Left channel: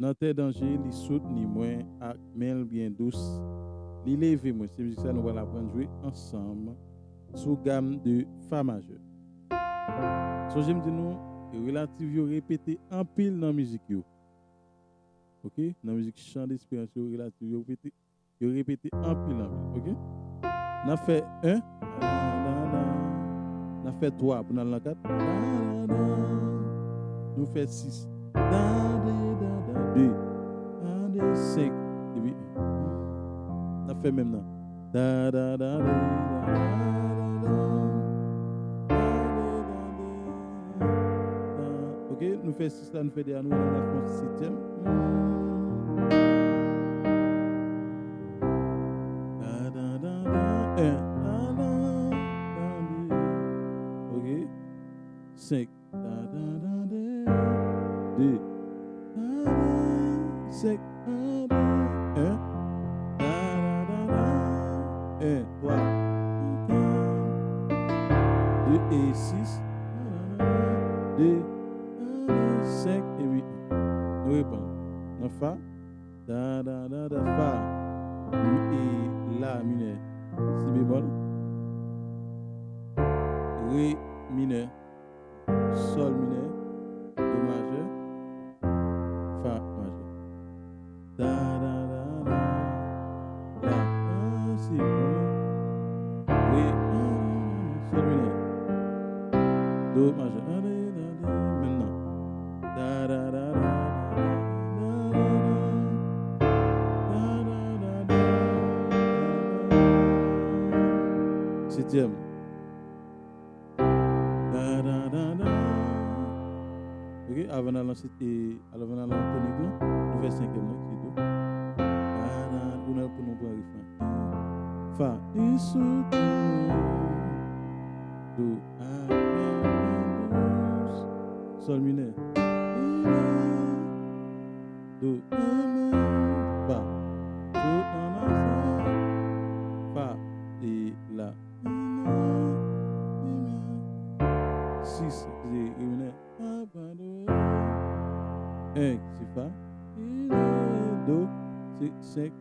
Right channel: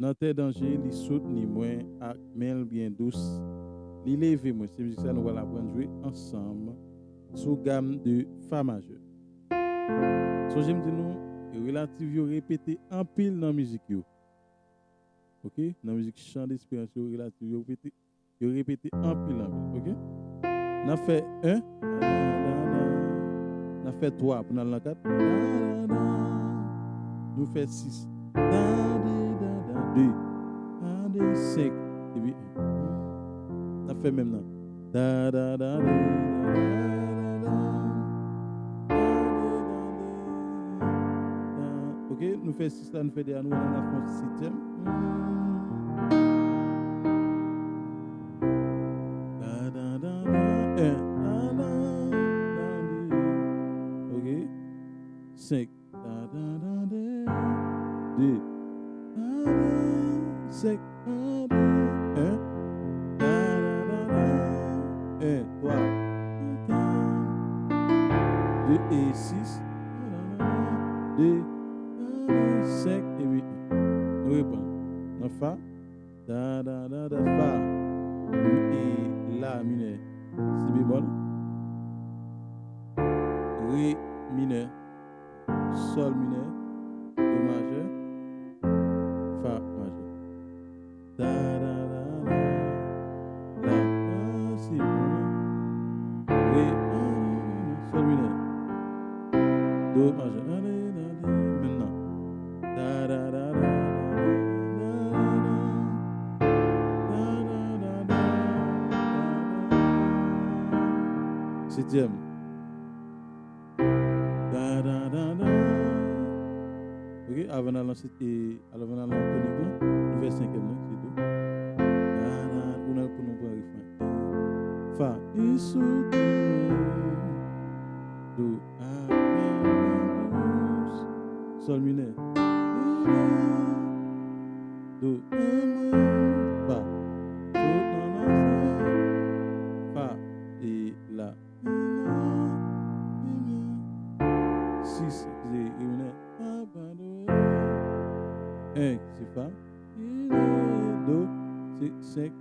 Dans tes dangers, li soutenir moi ak mel bien douce. Li lever moi, c'est musique ça nous va apprendre jouer ensemble sous gamme de fa majeur. So j'aime dire nous relative yo répéter en pile dans musique yo. OK? Dans musique chant d'espérance yo relative yo répéter en pile, OK? N'a fait 1 n'a fait 3 pour dans 4. Nous fait 6. 2 5 et puis n'a fait même non. OK, nous fait 6 là, nous fait derrière nous on a fait 7e. OK. 5 2 5 1 1 3 2 et 6 2 5 et 8. Nous répondons. En fa fa et la mineur si bémol ré mineur sol mineur do majeur fa majeur la si ré sol mineur do majeur maintenant septième. OK, avant d'aller tonique là, nous faisons cinquième là, c'est tout. On a pour nous pour refrain. Fa et soutien. Do douce. Sol mineur. Do fa. Fa et la. 6 c'est mineur. 1 c'est fa. Do c'est 5.